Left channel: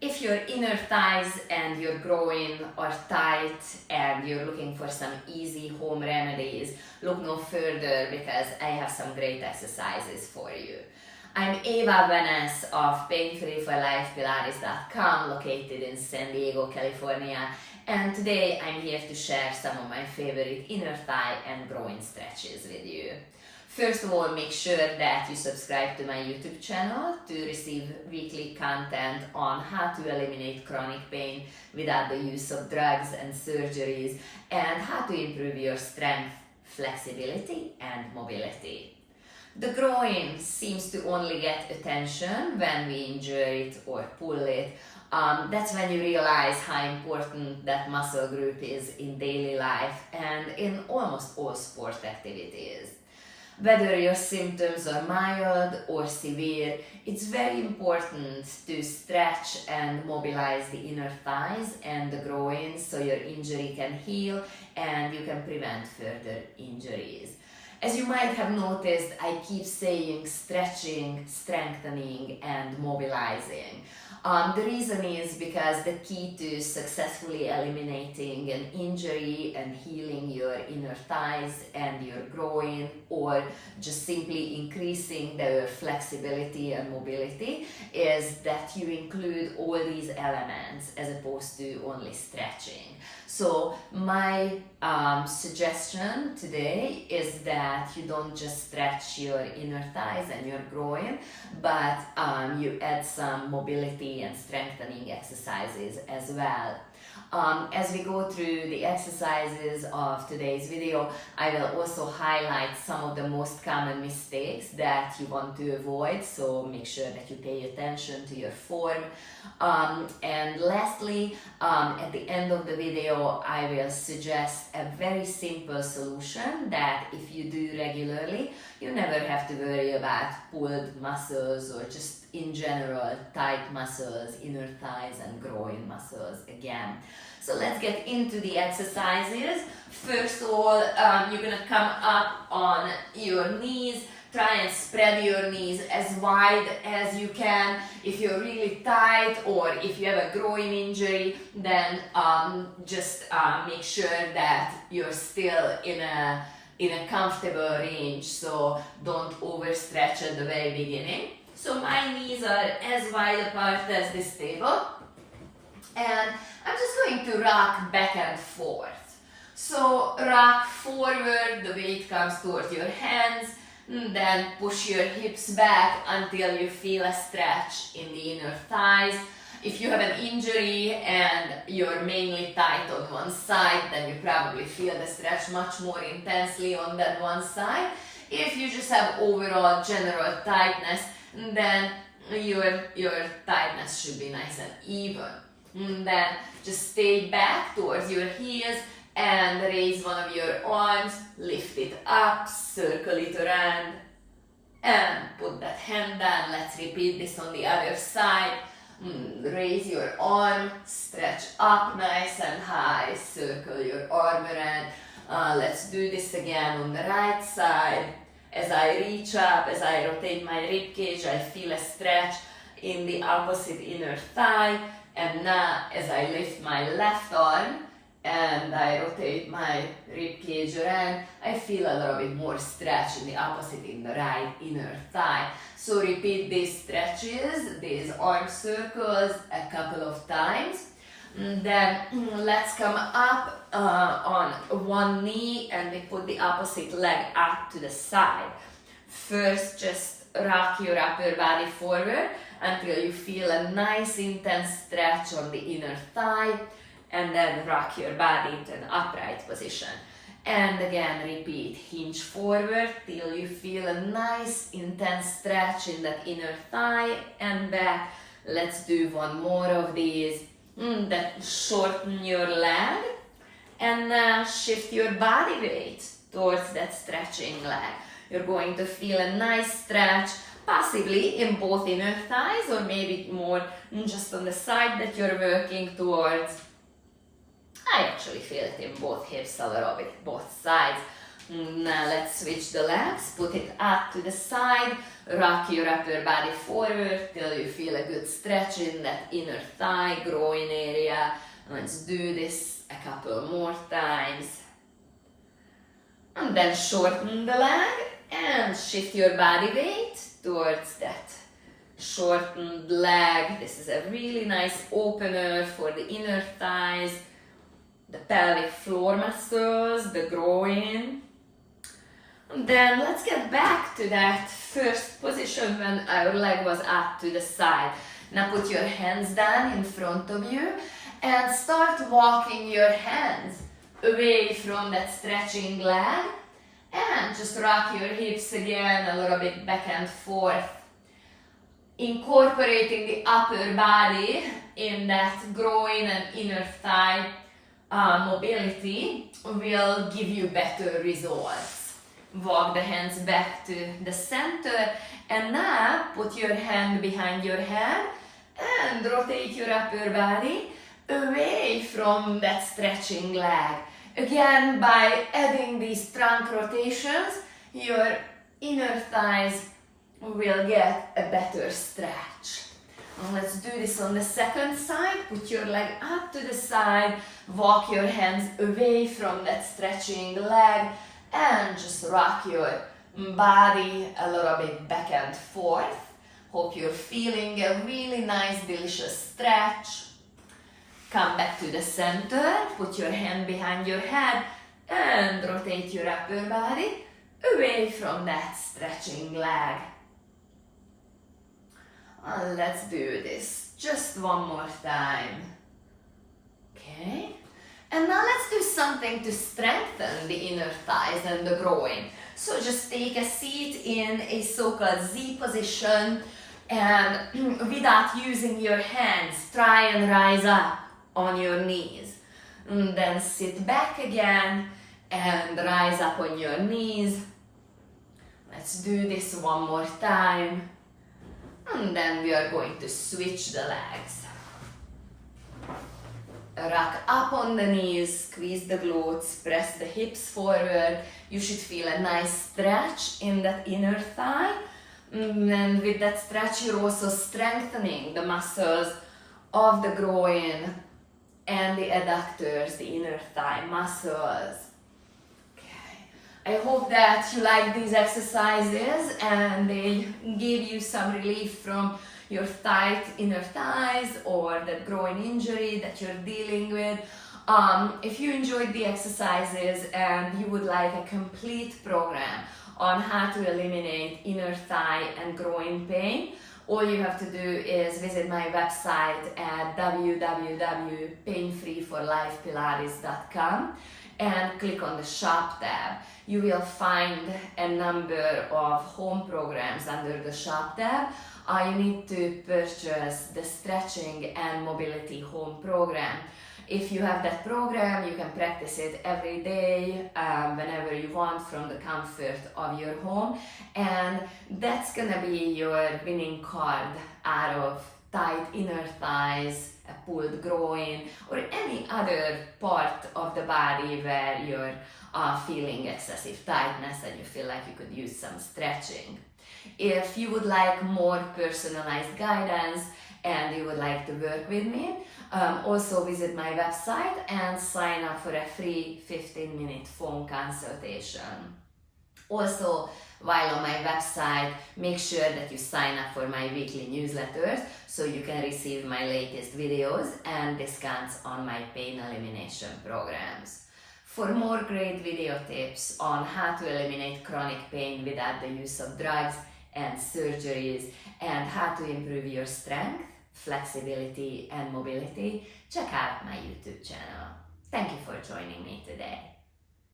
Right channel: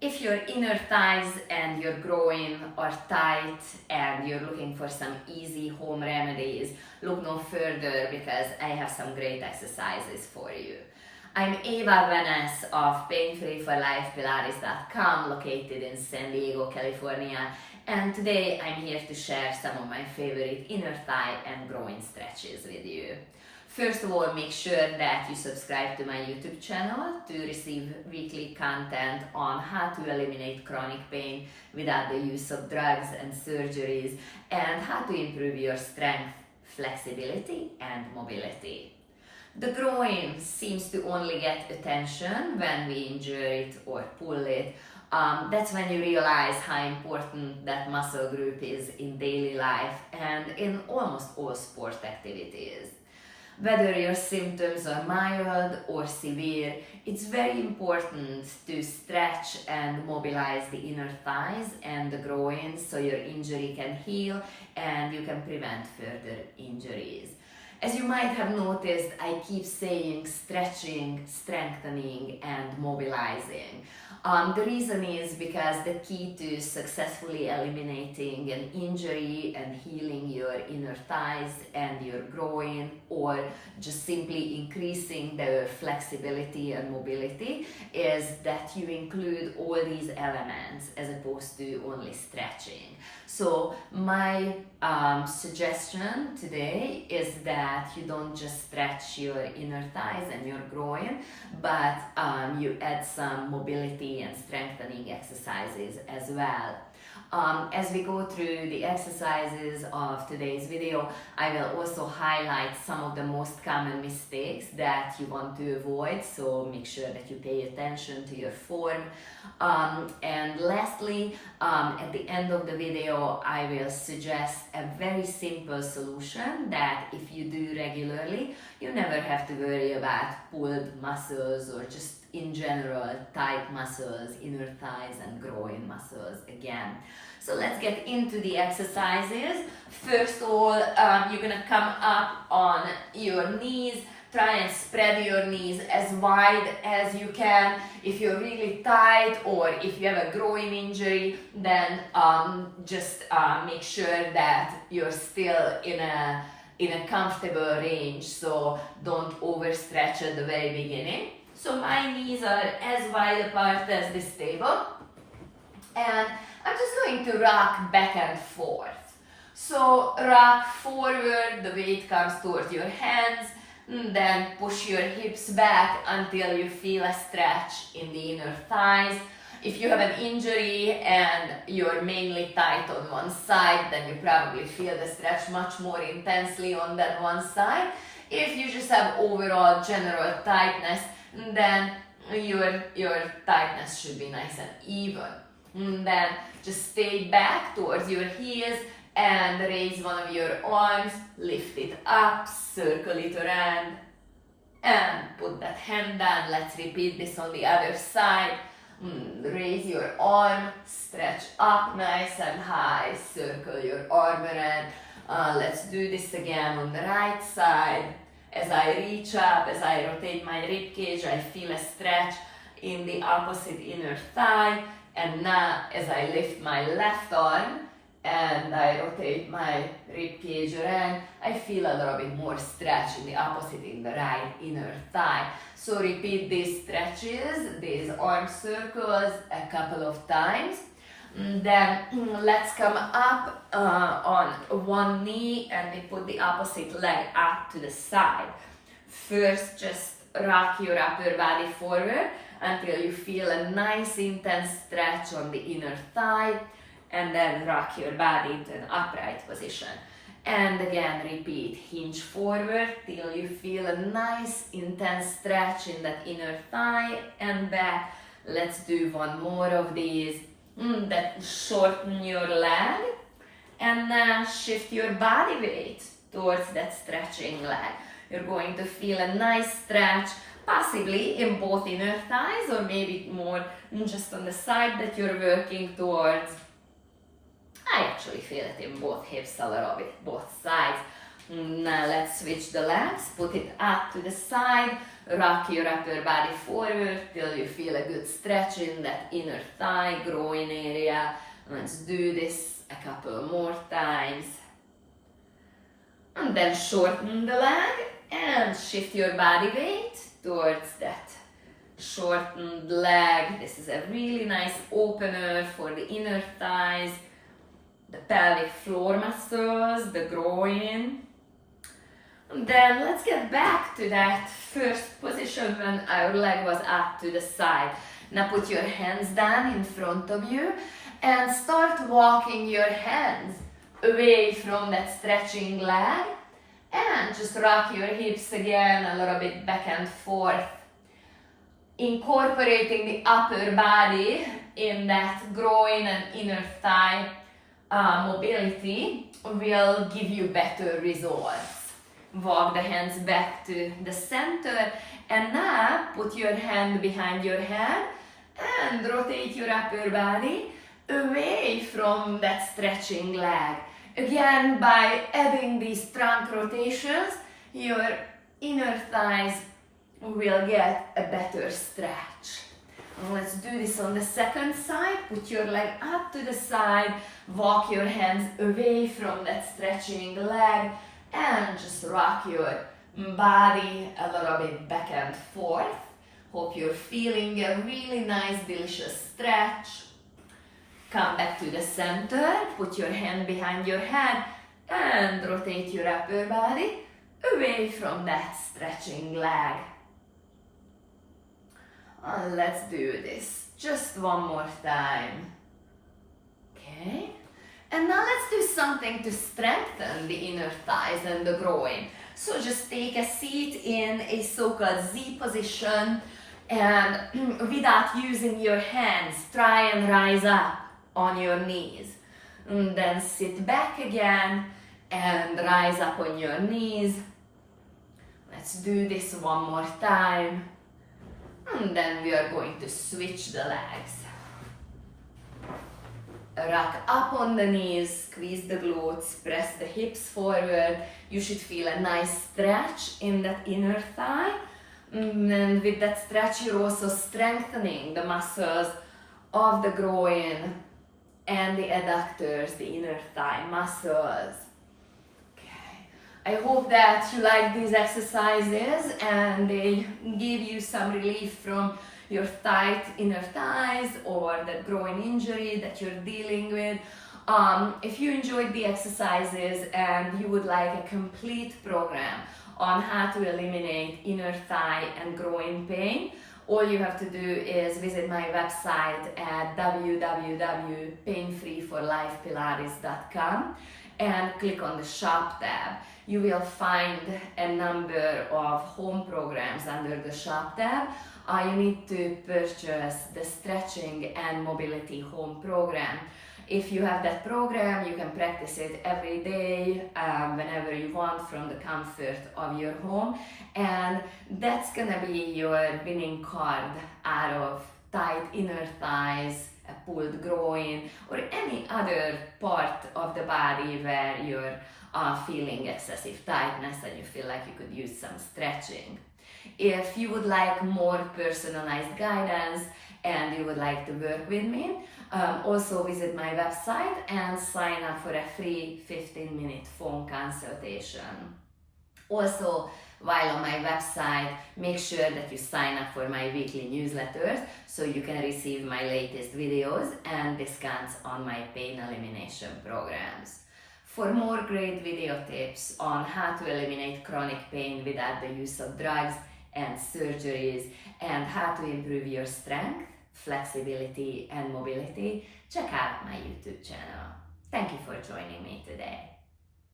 If your inner thighs and your groin are tight and you're looking for some easy home remedies, look no further because I have some great exercises for you. I'm Eva Benes of PainFree for Life Pilates.com, located in San Diego, California, and today I'm here to share some of my favorite inner thigh and groin stretches with you. First of all, make sure that you subscribe to my YouTube channel to receive weekly content on how to eliminate chronic pain without the use of drugs and surgeries, and how to improve your strength, flexibility, and mobility. The groin seems to only get attention when we injure it or pull it. That's when you realize how important that muscle group is in daily life and in almost all sport activities. Whether your symptoms are mild or severe, it's very important to stretch and mobilize the inner thighs and the groin so your injury can heal and you can prevent further injuries. As you might have noticed, I keep saying stretching, strengthening, and mobilizing. The reason is because the key to successfully eliminating an injury and healing your inner thighs and your groin, or just simply increasing their flexibility and mobility, is that you include all these elements as opposed to only stretching. So my suggestion today is that you don't just stretch your inner thighs and your groin, but you add some mobility and strengthening exercises as well. As we go through the exercises of today's video, I will also highlight some of the most common mistakes that you want to avoid, so make sure that you pay attention to your form. And lastly, at the end of the video, I will suggest a very simple solution that if you do regularly, you never have to worry about pulled muscles or just in general tight muscles, inner thighs and groin muscles again. So let's get into the exercises. First of all, you're gonna come up on your knees. Try and spread your knees as wide as you can. If you're really tight or if you have a groin injury, then just make sure that you're still in a comfortable range, so don't overstretch at the very beginning. So my knees are as wide apart as this table, and I'm just going to rock back and forth. So rock forward, the weight comes towards your hands, then push your hips back until you feel a stretch in the inner thighs. If you have an injury and you're mainly tight on one side, then you probably feel the stretch much more intensely on that one side. If you just have overall general tightness, then your tightness should be nice and even. Then just stay back towards your heels and raise one of your arms, lift it up, circle it around, and put that hand down. Let's repeat this on the other side. Raise your arm, stretch up nice and high, circle your arm around. Let's do this again on the right side. As I reach up, as I rotate my rib cage, I feel a stretch in the opposite inner thigh. And now, as I lift my left arm and I rotate my rib cage around, I feel a little bit more stretch in the opposite in the right inner thigh. So repeat these stretches, these arm circles a couple of times. Then let's come up on one knee and we put the opposite leg up to the side. First, just rock your upper body forward until you feel a nice intense stretch on the inner thigh, and then rock your body into an upright position. And again, repeat, hinge forward till you feel a nice intense stretch in that inner thigh and back. Let's do one more of these. Then shorten your leg and shift your body weight towards that stretching leg. You're going to feel a nice stretch, possibly in both inner thighs or maybe more just on the side that you're working towards. I actually feel it in both hips a little bit, both sides. Now let's switch the legs, put it up to the side, rock your upper body forward till you feel a good stretch in that inner thigh, groin area. Let's do this a couple more times. And then shorten the leg and shift your body weight towards that shortened leg. This is a really nice opener for the inner thighs, the pelvic floor muscles, the groin. And then let's get back to that first position when our leg was up to the side. Now put your hands down in front of you and start walking your hands away from that stretching leg, and just rock your hips again a little bit back and forth. Incorporating the upper body in that groin and inner thigh mobility will give you better results. Walk the hands back to the center, and now put your hand behind your head and rotate your upper body away from that stretching leg. Again, by adding these trunk rotations, your inner thighs will get a better stretch. And let's do this on the second side. Put your leg up to the side, walk your hands away from that stretching leg, and just rock your body a little bit back and forth. Hope you're feeling a really nice, delicious stretch. Come back to the center, put your hand behind your head and rotate your upper body away from that stretching leg. And let's do this just one more time. Okay. And now let's do something to strengthen the inner thighs and the groin. So just take a seat in a so-called Z position, and without using your hands, try and rise up on your knees. And then sit back again and rise up on your knees. Let's do this one more time. And then we are going to switch the legs. Rock up on the knees, squeeze the glutes, press the hips forward. You should feel a nice stretch in that inner thigh. And with that stretch, you're also strengthening the muscles of the groin and the adductors, the inner thigh muscles. Okay. I hope that you like these exercises and they give you some relief from your tight inner thighs or that groin injury that you're dealing with. If you enjoyed the exercises and you would like a complete program on how to eliminate inner thigh and groin pain, all you have to do is visit my website at www.painfreeforlifepilates.com and click on the shop tab. You will find a number of home programs under the shop tab. You need to purchase the stretching and mobility home program. If you have that program, you can practice it every day, whenever you want, from the comfort of your home. And that's gonna be your winning card out of tight inner thighs, a pulled groin, or any other part of the body where you're feeling excessive tightness and you feel like you could use some stretching. If you would like more personalized guidance and you would like to work with me, also visit my website and sign up for a free 15-minute phone consultation. Also, while on my website, make sure that you sign up for my weekly newsletters so you can receive my latest videos and discounts on my pain elimination programs. For more great video tips on how to eliminate chronic pain without the use of drugs and surgeries, and how to improve your strength, flexibility and mobility, check out my YouTube channel. Thank you for joining me today.